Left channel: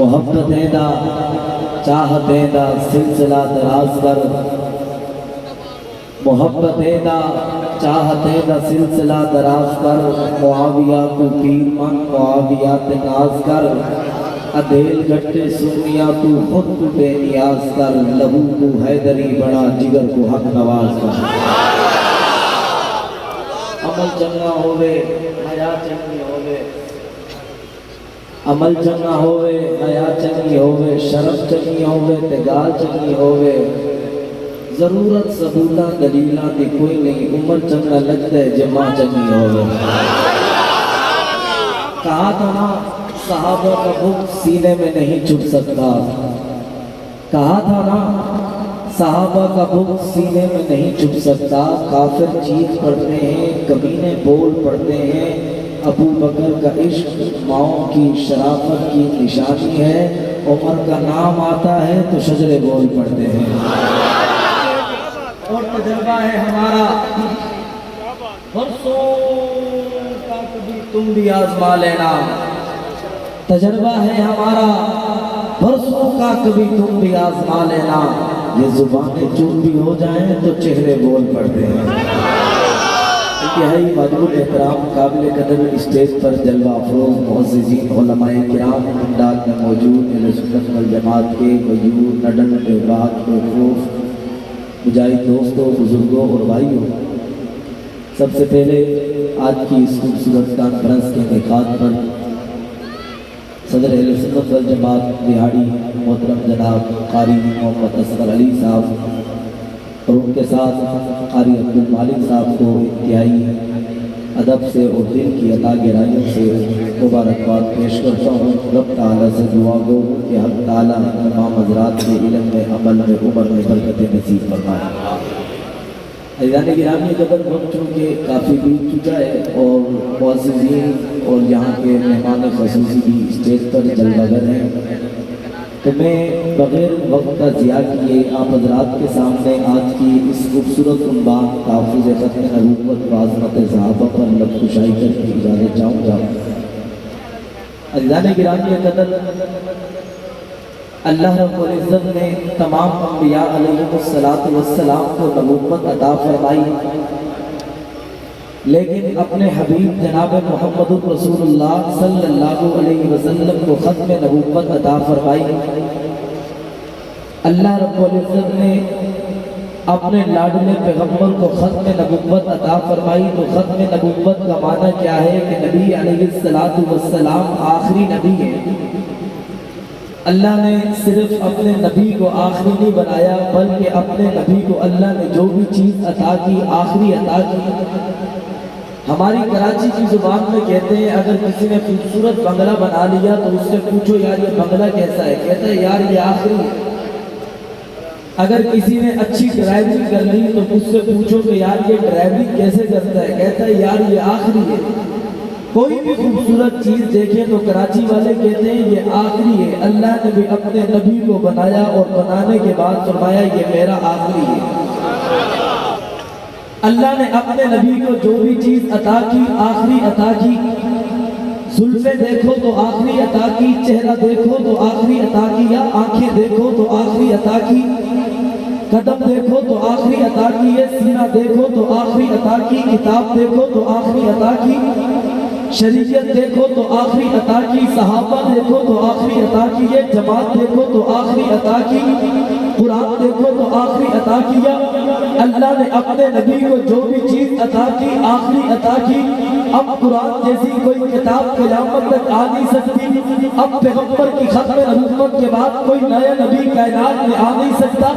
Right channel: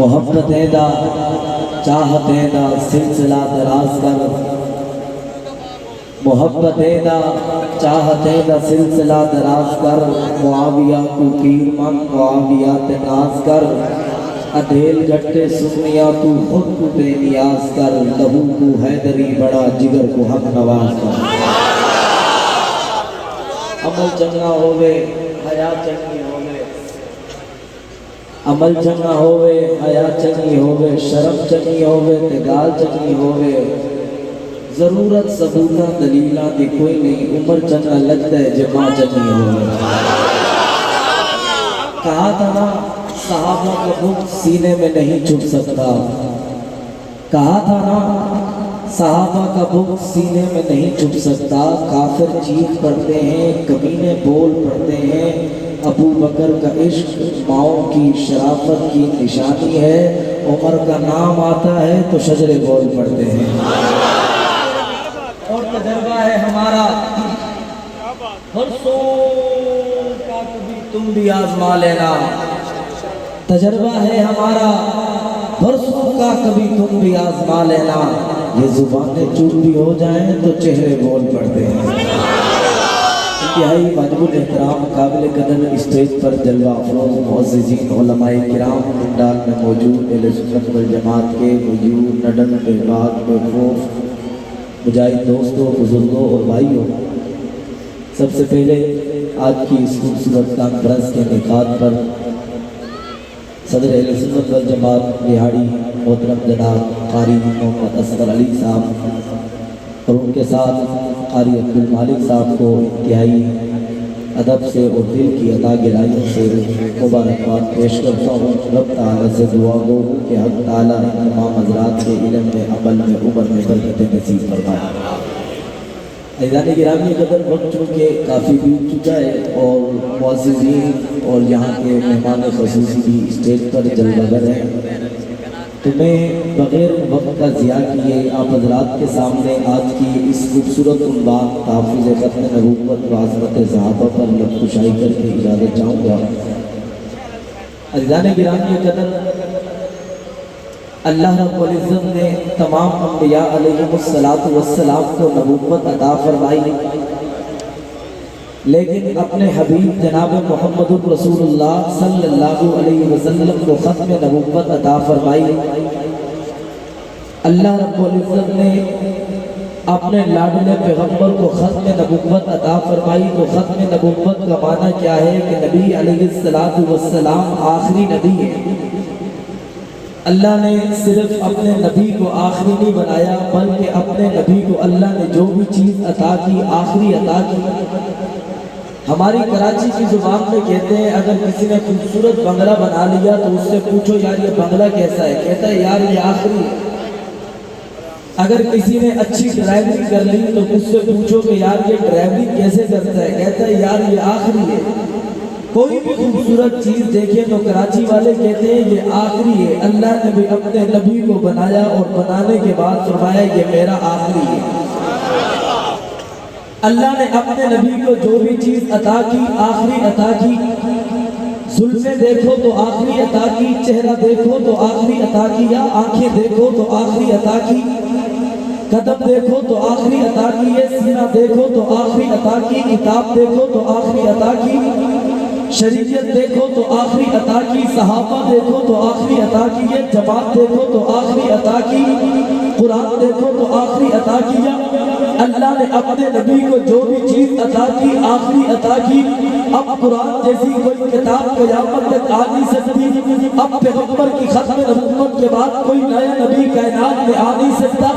محبت دا چاہت دا سلسلہ دراز کر، محبت دا چاہت دا سلسلہ دراز کر، معاویہ کو پیر من معاویہ تناز کر، ادھیل گھٹے سنیا تو خود کو بے نیاز کر، لہو کو حیدری بڑا جگر کو حق نواز کر۔ عمل چنگا ہوئے حیا چنگی ہوئے، عمل چنگا ہوئے حیا چنگی ہوئے، شرم چنگی ہوئے تے گال چنگی ہوئے، ضرورت ثبوتہ دلیلہ دی کوئی نہیں، عمر چنگا لگتا ہے جمع چنگی ہوئے۔ کہا تھا نا صحابہ کا بغض سینے میں نہیں چھپ سکتا، کہا تھا نا صحابہ کا بغض سینے میں نہیں چھپ سکتا، کافر چیخ پڑھتے ہیں کمینے بول پڑھتے ہیں، ابو بکر کا عشق ماؤں کی شرافت کی نشانی ہے، عمر کا نام آتا ہے تو شجر بول پڑھتے ہیں۔ اور تجربہ ہے ہمارا برسوں کا، کبھی تم بھی آزما لینا، تجربہ ہے ہمارا برسوں کا، کبھی تم بھی آزما لینا، یہ زبانیں چوپ بھی ہو جائیں تو چہرے بول پڑتے ہیں۔ انتہائی مجبور احترام قابل قدر اسٹیج پر جلوہ افروز معززین علماء کرام پنڈال میں موجود اہل سنت والجماعت کے مجبور نڈن احباب خوف مجاہد دوستوں بزرگوں اور بھائیوں، سب سے پہلے آج کی اس خوبصورت کانفرنس کے انعقاد پر صدر اہل سنت والجماعت بہاڑی محترم جناب قاری محمد اصغر علی صاحب اور ان کے ساتھ قاری عبدالمالک صاحب کو انتہائی ادب سے اور دل کی عطا گہرائیوں سے مبارکباد پیش کرتا ہوں۔ رب تعالیٰ سے دعا گو کہ حق تعالیٰ تمام حضرات کے علم میں عمل میں عمر میں برکت نصیب فرمائے۔ عزیزان گرامی قدر وقت چونکہ کافی بیت چکا ہے اور معززین اور یہاں کے مہمان خصوصی بھی اسٹیج پر جلوہ گر ہیں، تو میں بغیر وقت کا ضیاع کیے آپ حضرات کے سامنے آج کی اس خوبصورت عنوان تحفظ ختم نبوت و عظمت صحابہ پر لب کشائی کر کے اجازت چاہوں گا۔ عزیزان گرامی قدر، اللہ رب العزت نے تمام انبیاء علیہ السلام کو نبوت عطا فرمائی، لیکن اپنے حبیب جناب محمد رسول اللہ صلی اللہ علیہ وسلم کو ختم نبوت عطا فرمائی۔ اللہ رب العزت نے اپنے لاڈلے پیغمبر کو ختم نبوت عطا فرمائی، تو ختم نبوت کا معنی کیا ہے کہ نبی علیہ السلام آخری نبی ہے۔ اللہ نے صرف اپنے نبی کو آخری نہیں بنایا، بلکہ اپنے نبی کو اللہ نے جو بھی چیز عطا کی آخری عطا کی۔ ہماری کراچی کی زبان میں کہتے ہیں اگر کسی نے خوبصورت بنگلہ بنا لیا تو اس سے پوچھو یار یہ بنگلہ کیسا ہے، کہتا ہے یار یہ آخری ہے۔ اگر کسی نے اچھی ڈرائیونگ کر لی تو اس سے پوچھو کہ یار یہ ڈرائیونگ کیسے کرتا ہے، کہتا ہے یار یہ آخری ہے۔ کوئی بھی خوبصورت چیز دیکھیں تو کراچی والے کہتے ہیں یہ آخری ہے۔ اللہ نے بھی اپنے نبی کو بنایا اور بنانے کے بعد فرمایا یہ میرا آخری ہے۔ اللہ نے اپنے نبی کو جو بھی چیز عطا کی آخری عطا کی۔ زلفیں دیکھو تو آخری عطا کی، چہرہ دیکھو تو آخری عطا کیا، آنکھیں دیکھو تو آخری عطا کی، قدم دیکھو تو آخری عطا کی، سینہ دیکھو تو آخری عطا کی، کتاب دیکھو تو آخری عطا کی، شریعت دیکھو تو آخری عطا کی، صحابہ دیکھو تو آخری عطا کی، جماعت دیکھو تو آخری عطا کی، قرآن دیکھو تو آخری عطا کیا۔ اللہ نے اپنے نبی کو جو بھی چیز عطا کی آخری عطا کی۔ اب قرآن جیسی کوئی کتاب قیامت تک آ نہیں سکتی، اب پیغمبر کی ختم نبوت کے بعد کوئی نیا نبی کائنات میں آ نہیں سکتا،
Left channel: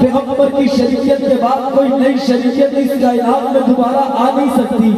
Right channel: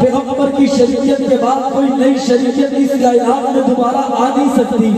پیغمبر کی شریعت کے بعد کوئی نئی شریعت اس کائنات میں دوبارہ آ نہیں سکتی۔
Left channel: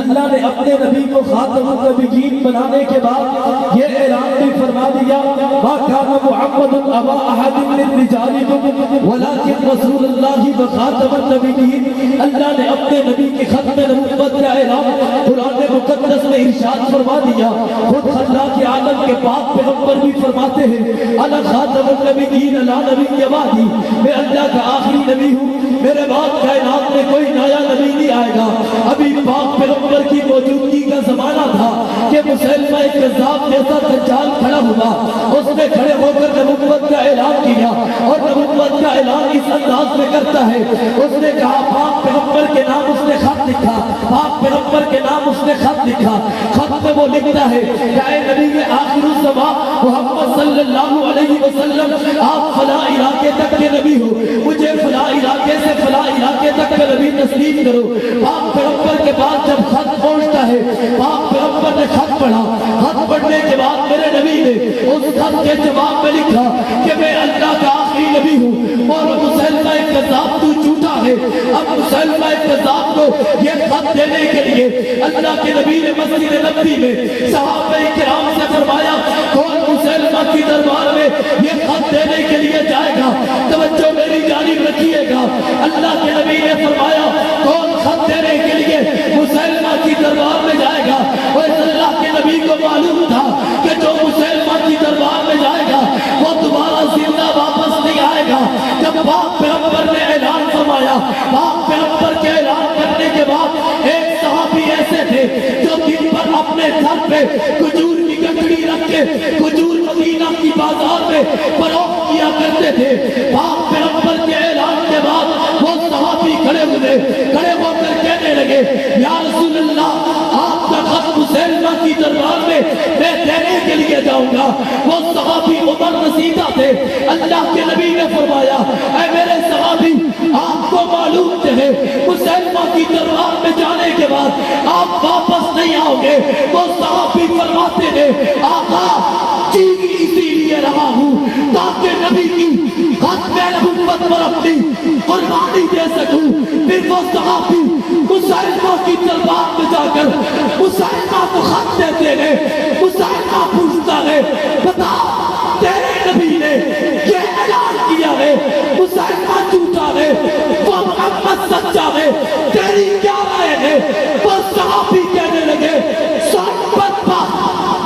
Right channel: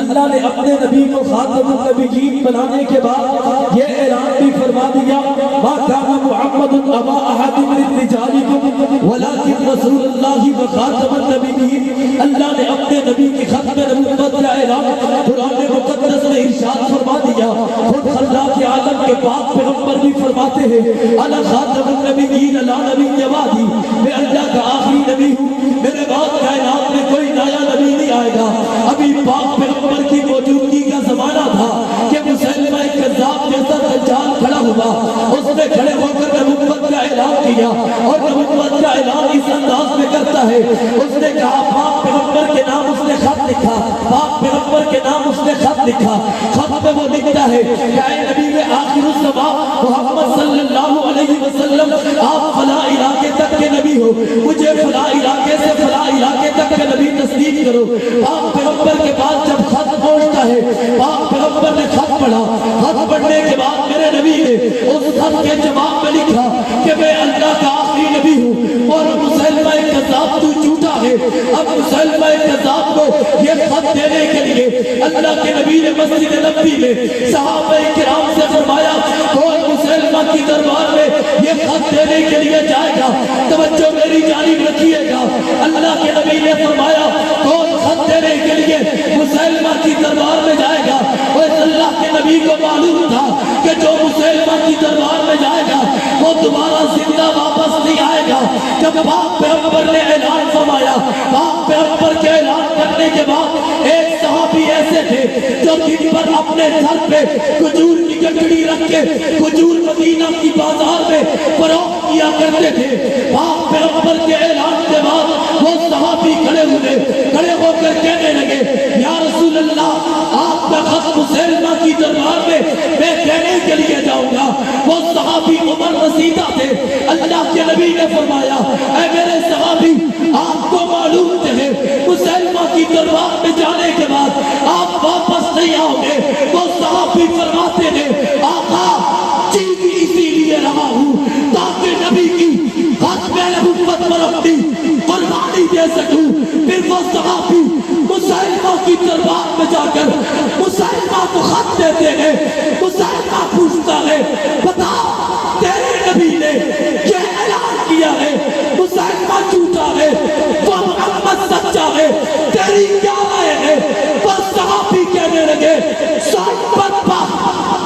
اللہ نے اپنے نبی کو خاتم النبیین بنانے کے بعد یہ اعلان بھی فرما دیا ما کان محمد ابا احد من رجالکم ولکن رسول اللہ وخاتم النبیین۔ اللہ نے اپنے نبی کی ختم نبوت کا اعلان قرآن مقدس میں ارشاد فرما دیا۔ خود اللہ کے عالم کے پاک پیغمبر بھی فرماتے ہیں انا خاتم النبیین لا نبی بعدی، میں اللہ کا آخری نبی ہوں، میرے بعد کائنات میں کوئی نیا نبی نہیں آئے گا۔ ابھی پاک پیغمبر کی موجودگی کا زمانہ تھا کہ مسلمہ کذاب جیسا دجال کھڑا ہوا، اس نے کھڑے تصدیق کرو. پاک پیغمبر کے بعد جب خط پہنچتا ہے، پاک پیغمبر نے خط پڑھا، خط پڑھنے کے بعد میرے نبی نے اس خط کے جواب میں لکھا کہ میں اللہ کا آخری نبی ہوں اور مسلمہ کذاب تو جھوٹا ہے. اب مسلمہ کذاب کو یہ خط دینے کے لیے اللہ کے نبی نے مسجد نبوی میں صحابہ کرام سے فرمایا کون مسلمہ کی دربار میں یہ خط دینے کے لیے جائے گا؟ توجہ میری جانب رکھیے گا. اللہ کے نبی نے فرمایا کون خط دینے کے لیے مسلمہ کی دربار میں جائے گا؟ اور اللہ کے نبی کو معلوم تھا کہ جو مسلمہ کی دربار میں جائے گا وہ دوبارہ زندہ واپس نہیں آئے گا. جب پاک پیغمبر نے اعلان فرمایا، پاک پیغمبر کے اعلان کرنے کے بعد ایک صحابی ایسے تھے جو دن پر اپنے سر پہ کھجور کی گٹڑی رکھ کے کھجور مدینہ کی بازار میں فروخت کیا کرتے تھے. پاک پیغمبر کے اعلان کے بعد وہ صحابی کھڑے ہو کر کہنے لگے یا رسول اللہ آپ کا خط مسلمہ کی دربار میں دینے کے لیے جاؤں گا. وہ صحابی عمر رسیدہ تھے. اللہ کے نبی نے فرمایا اے میرے صحابی آپ کو معلوم ہے مسلمہ کی دربار میں جانے کے بعد آپ واپس نہیں آؤ گے. وہ صحابی فرماتے ہیں آقا جی بھی اسی لیے رہا ہوں تاکہ نبی کی ختم نبوت پر اپنی قربانی دے سکوں. پھر وہ صحابی مسلمہ کی دربار میں جا کر مسلمہ کو خط دیتے ہیں. مسلمہ پوچھتا ہے بتا تیرے نبی نے یہ اعلان کیا ہے مسلمہ جھوٹا ہے وہ محمد سچا ہے، تیری کیا رائے ہے؟ وہ صحابی کہنے لگے صحابت پا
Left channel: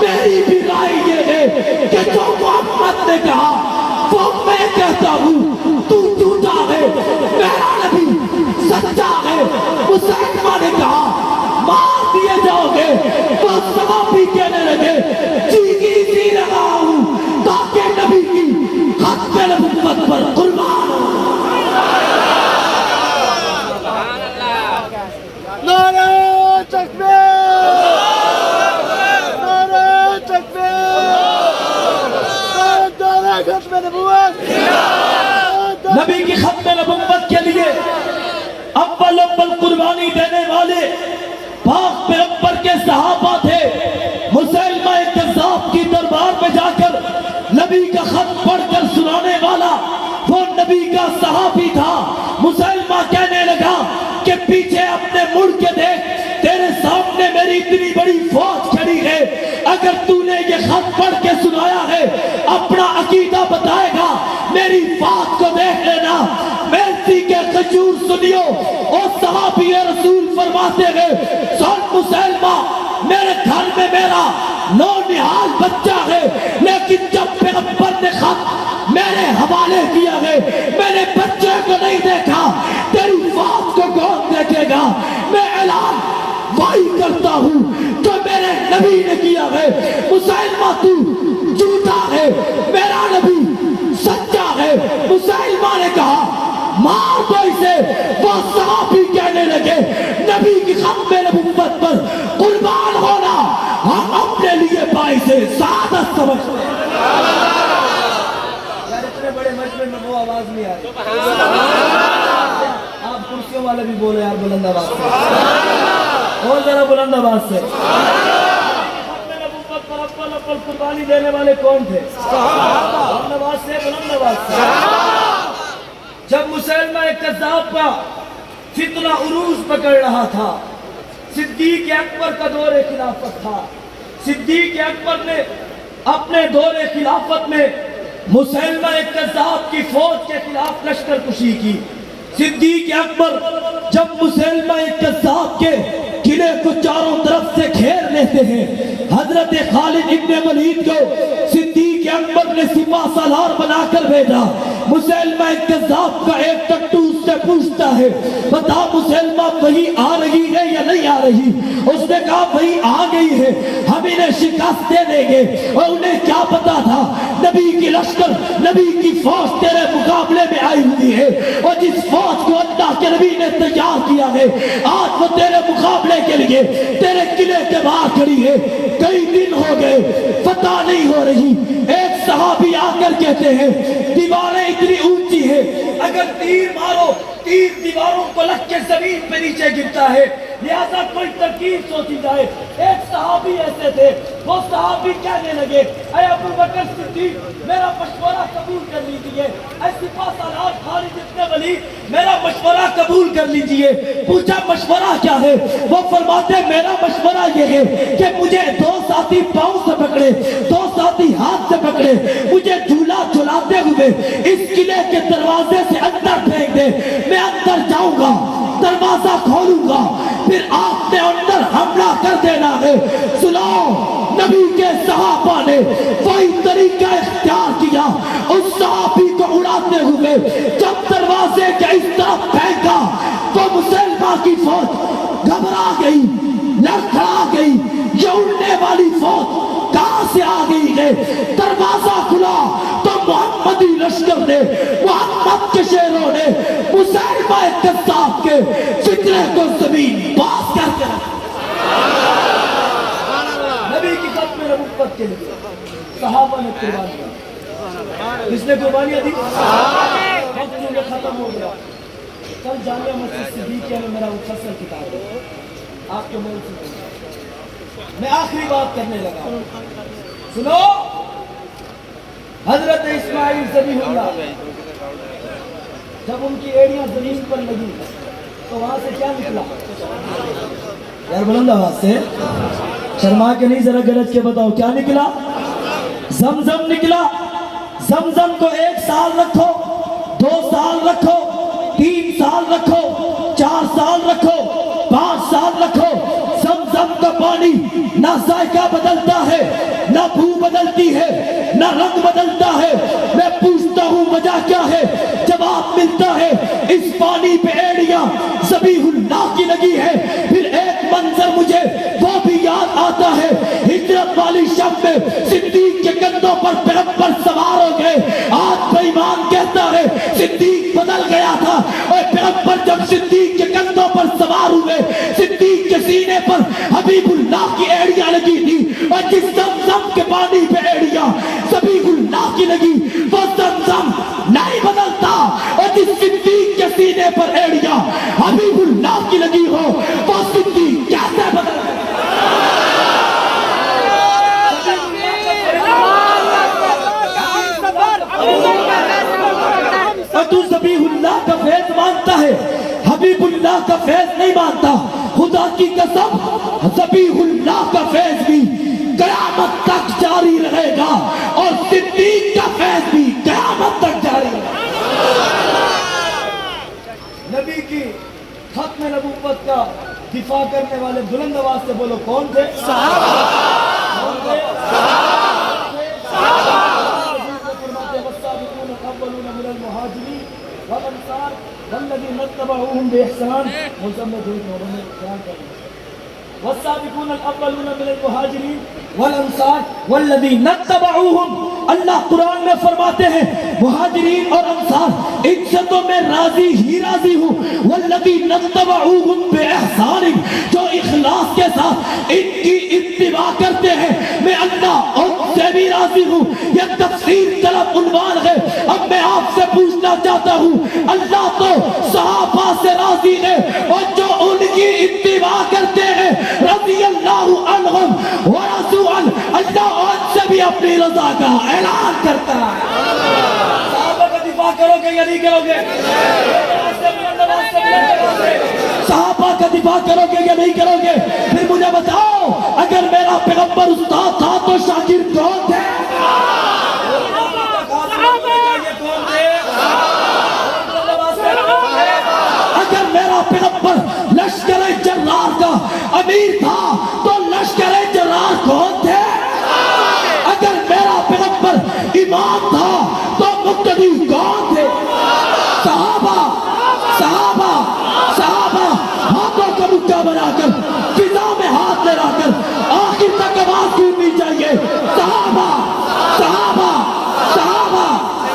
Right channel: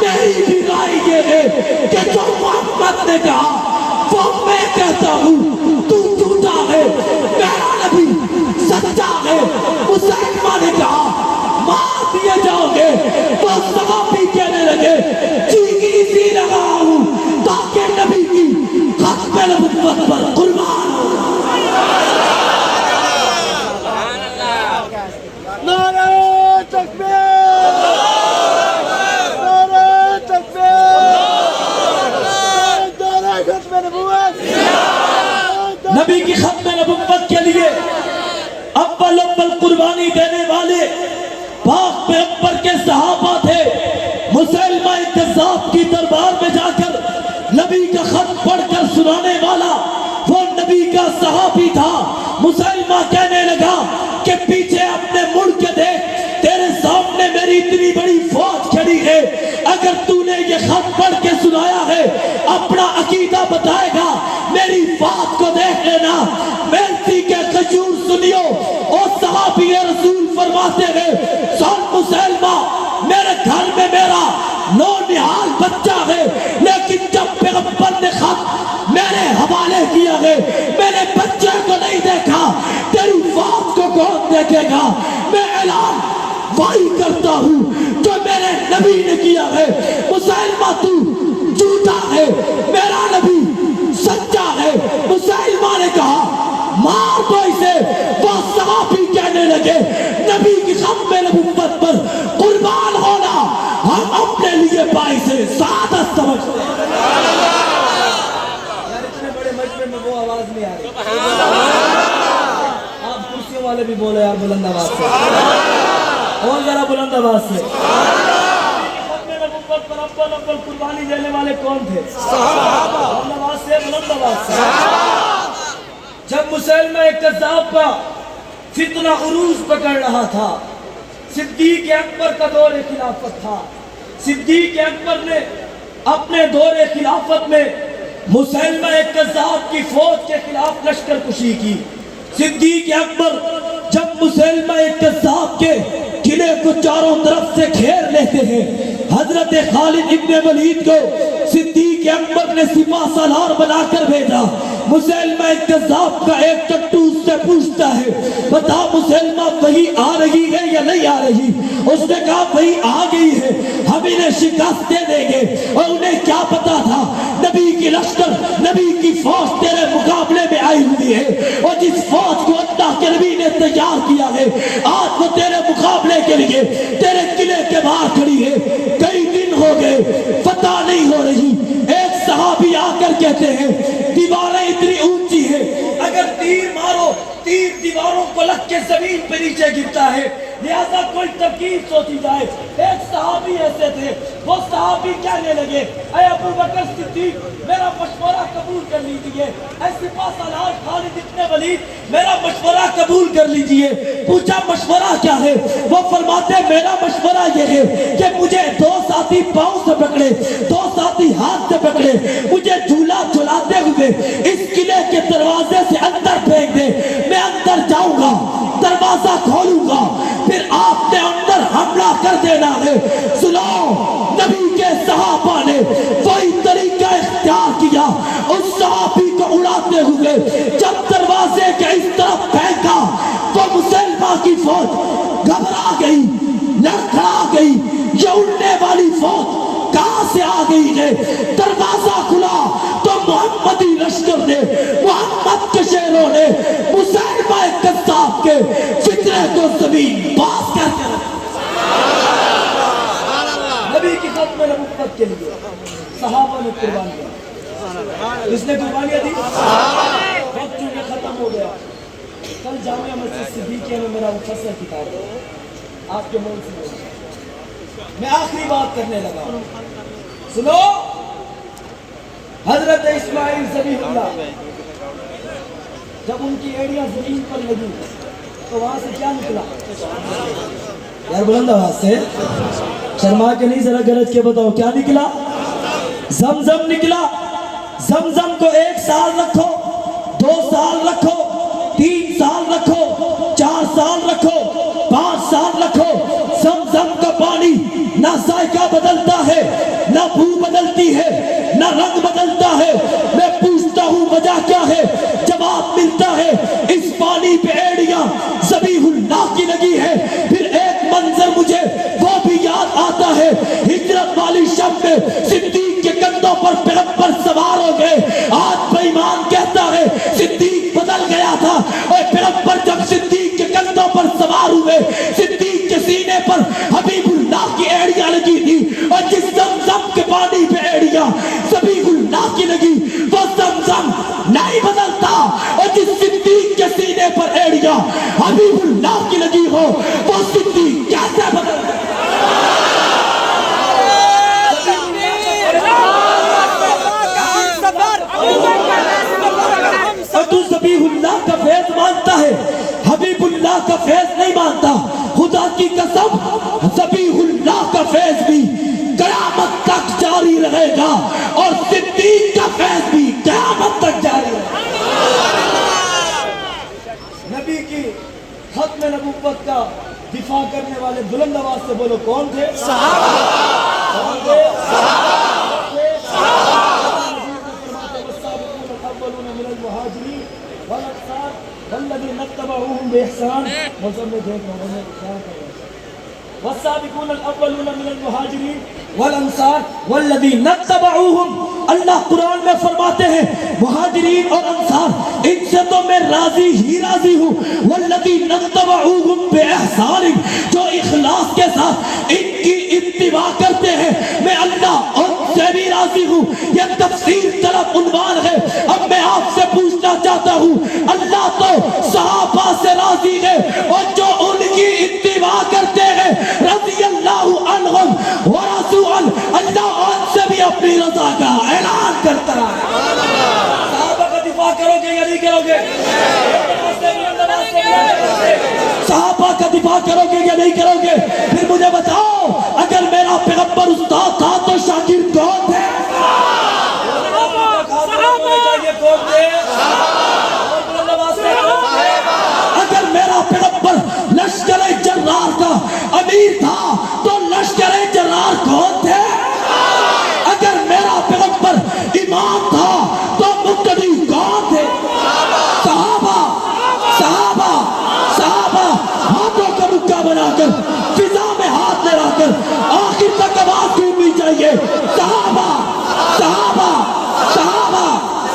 میری بھی رائے یہ ہے کہ جو محمد نے کہا وہ میں کہتا ہوں. تو جھوٹا ہے، میرا نبی سچا ہے. مسلمہ نے کہا مار دیے جاؤ گے. وہ صحابی کہنے لگے جی کی اسی لگا ہوں تاکہ نبی کی ختم نبوت پر قربان ہو. نعرہ تکبیر! نعرہ تکبیر! نعرہ ختم نبوت! نبی کی ختم نبوت کے لیے اول قربانی دینے والے پاک پیغمبر کے صحابہ تھے. مسلمہ کذاب کی دربار میں جا کر نبی کا خط پڑھ کر سنانے والا وہ نبی کا صحابی تھا. مسلمہ کہنے لگا کہ پیچھے اپنے مڑ کے دیکھ تیرے سامنے میری اتنی بڑی فوج کھڑی ہے. اگر تو نے یہ خط پڑھ کے سنایا ہے اپنا عقیدہ بتائے گا میری فوج کو دیکھ لینا. میرسی کے کھجور سنیو اور صحابی رسول فرماتے ہیں سن مسلمہ میرے گھر میں میرا نونہال بچہ ہے لیکن جب پیغمبر نے خط میرے حوالے کیا ہے میں نے بچے کو نہیں دیکھا. تیری فوج کو کون دیکھے گا؟ میں اعلان وہی کرتا ہوں جو میرے نبی نے کیا ہے. مسلمہ تو جھوٹا ہے، میرا نبی سچا ہے. مسلمہ نے کہا مار دو اسے. وہ صحابی کہنے لگے نبی کی ختم نبوت پر قربان ہونا ہم اپنے لیے باعث سعادت سمجھتے ہیں. یار اتنے بڑے مجمع میں وہ آواز نہیں آ رہی. آپ کرسیوں والے بھی بولے یار بلند آواز سے، اور ذرا بلند آواز سے. ختم نبوت پر اول قربانی دینے والے کون تھے؟ صحابہ. بلند آواز سے، بلند آواز سے. جب مسلمہ کذاب کا فتنہ عروج پکڑ رہا تھا، صدیق اکبر کا دور خلافت تھا. صدیق اکبر نے اپنے دور خلافت میں مسلمہ کذاب کی فوج کے خلاف لشکر کشی کی. صدیق اکبر جب مسلمہ کذاب کے قلعے کو چاروں طرف سے گھیر لیتے ہیں حضرت خالد ابن ولید کو صدیق اکبر نے سپاہ سالار بنا کر بھیجا. مسلمہ کذاب کا ایک ٹٹو اس سے پوچھتا ہے بتا مسلمہ کہیں آ رہی ہے یا نہیں آ رہی؟ اس نے کہا بھائی آ گئی ہے، ہم انہیں شکست دے دیں گے. اور انہیں کیا پتا تھا نبی کی لشکر نبی کی فوج تیرے مقابلے میں آئی ہوئی ہے اور جس فوج کو اللہ کے نبی نے تیار کیا ہے آج وہ تیرے مقابلے کے لیے تیرے قلعے کے باہر کھڑی ہے. کئی دن ہو گئے فتح نہیں ہو رہی. ایک صحابی آ کر کہتے ہیں دیواریں اتنی اونچی ہیں اگر تیر مارو تیر دیواروں کو لگ کے زمین پہ نیچے گرتا ہے. لہذا کوئی ترکیب سوچی جائے. ایک صحابی ایسے تھے, وہ صحابی کہنے لگے اے ابو بکر صدیق میرا مشورہ قبول کر لیجئے. اے سپاہ سالار خالد ابن ولید میرا مشورہ قبول کر لیجئے. پوچھا مشورہ کیا ہے؟ وہ فرماتے میرا مشورہ یہ ہے کہ مجھے دو ساتھی پاؤں سے پکڑے, دو ساتھی ہاتھ سے پکڑے, مجھے جھولا جھلاتے ہوئے اس قلعے کے دروازے سے اندر پھینک دے. میں اندر جاؤں گا, دروازہ کھولوں گا, پھر آپ نے اندر حملہ کر دینا ہے. سنو, نبی کے صحابہ نے وہی طریقہ اختیار کیا. اس صحابی کو اڑاتے ہوئے جب دروازے کے اس طرف پھینکا تو مسلمہ کی فوج گھبرا گئی, لڑکھڑا گئی. یہ اڑنے والی فوج کہاں سے آ گئی ہے؟ دروازہ کھلا تو محمدی لشکر نے, محمد کے شیروں نے مسلمہ کذاب کے فتنے کو زمین باز کر کے نبی کی ختم نبوت کے لیے صحابہ نے قربانی دی. اس نے قربانیاں دی. وقت چونکہ ختم ہو گیا. کل جامعہ مسجد صدیقیہ میں میرا مفصل کتاب ہے, آپ کو میں سناؤں. میں آخری بات کرنے لگا. سنو, حضرت اسماعیل ذبیح اللہ جب ان کی ایڑیاں زمین پر لگی تو وہاں سے کیا نکلا؟ یار بلند آواز سے, شرما کے نہیں, ذرا گرج کے بتاؤ کیا نکلا؟ زمزم نکلا. زمزم کو 1 سال رکھو, 2 سال رکھو, 3 سال رکھو, 4 سال رکھو, 5 سال رکھو. زمزم کا پانی نہ ذائقہ بدلتا ہے, نہ بو بدلتی ہے, نہ رنگ بدلتا ہے. میں پوچھتا ہوں وجہ کیا ہے؟ جواب ملتا ہے اس پانی پہ ایڑیاں ذبیح اللہ کی لگی ہے. پھر ایک منظر مجھے وہ بھی یاد آتا ہے, ہجرت والی شب میں صدیق کے کندھوں پر پیغمبر سوار ہو گئے. آج بے ایمان کہتا ہے صدیق بدل گیا تھا. اے پیغمبر جب صدیق کے کندھوں پر سوار ہوئے, صدیق کے سینے پر حبیب اللہ کی ایڑیاں لگی تھی. اور جس زمزم کے پانی پہ ایڑیاں ذبیح اللہ کی لگی وہ زمزم نہیں بدلتا. اور جس صدیق کے سینے پر ایڑیاں حبیب اللہ کی لگی ہو وہ صدیق کیسے بدل گئے؟ تو ذبیح اللہ کا فیض مانتا ہے, حبیب اللہ کا فیض نہیں مانتا. خدا کی قسم ذبیح اللہ کا فیض بھی قیامت تک جاری رہے گا اور صدیق کا فیض بھی قیامت تک جاری رہے گا. نبی کی ختم نبوت کا دفاع کرنے والے بلند آواز سے بولو کون تھے؟ صحابہ. کون تھے؟ صحابہ. والذين اتبعوهم بإحسان والسابقون الأولون من المهاجرين والأنصار والذين اتبعوهم. اللہ قرآن میں فرماتے ہیں مہاجرین اور انصار ان سے تو میں راضی ہی راضی ہوں. والذین اتبعوهم بإحسان, جو اخلاص کے ساتھ ان کی اتباع کرتے ہیں میں اللہ ان سے بھی راضی ہوں. یہ تفسیر طرف عنوان ہے. اب میں آپ سے پوچھنا چاہتا ہوں, اللہ تو صحابہ سے راضی ہے اور جو ان کی اتباع کرتے ہیں رضی اللہ عنہم ورضوا عنہ, اللہ ان سے بھی اپنی رضا کا اعلان کرتا ہے. صحابہ کا دفاع کرو گے یا نہیں کرو گے؟ صحابہ کا دفاع کرو گے یا نہیں کرو گے؟ پھر مجھے بتاؤ, اگر میرا پیغمبر استاد تھا تو شاگرد کون تھے؟ کون تھے؟ اگر میرا پیغمبر لشکر جرار کا امیر تھا تو لشکر جرار کون تھے؟ اگر میرا پیغمبر امام تھا تو مقتدی کون تھے؟ صحابہ. صحابہ صحابہ ہاتھوں کا مکہ بنا کر فضا میں ہاتھ لڑا کر آخر تک آواز سننی چاہیے. صحابہ صحابہ صحابہ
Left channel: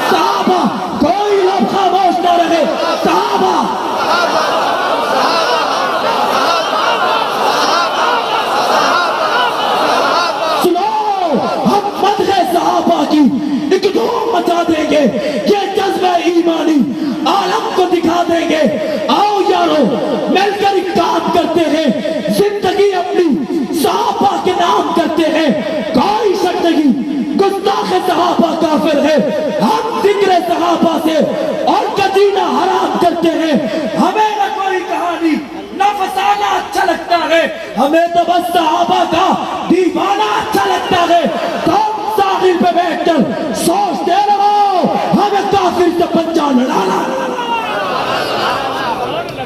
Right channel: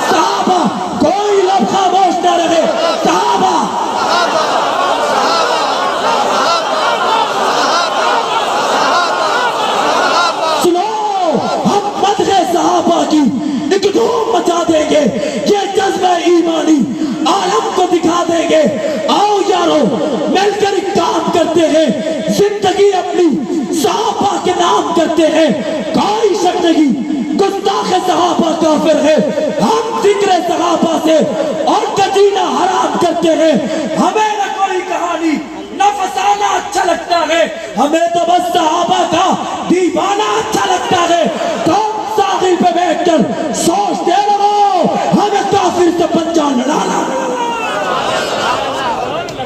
صحابہ, کوئی لفظ خاموش نہ رہے. صحابہ سنو, ہم مدح صحابہ کی ایک دھوم مچا دیں گے. یہ جذبہ ایمانی عالم کو دکھا دیں گے. آؤ یارو کرتے ہیں, زندگی اپنی صحابہ کے نام کرتے ہیں. کوئی شک نہیں گستاخ صحابہ کافر ہے. ہم ذکر صحابہ سے اور کدینہ حرام کرتے ہیں. ہمیں نہ کوئی کہانی نہ فسانہ اچھا لگتا ہے, ہمیں تو بس صحابہ کا دیوانہ اچھا لگتا ہے. تم ساحل پہ بیٹھ کر سوچتے رہو ہمیں کافر سے پنجہ لڑانا.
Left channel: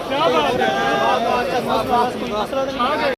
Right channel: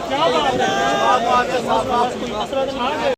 کیا بات ہے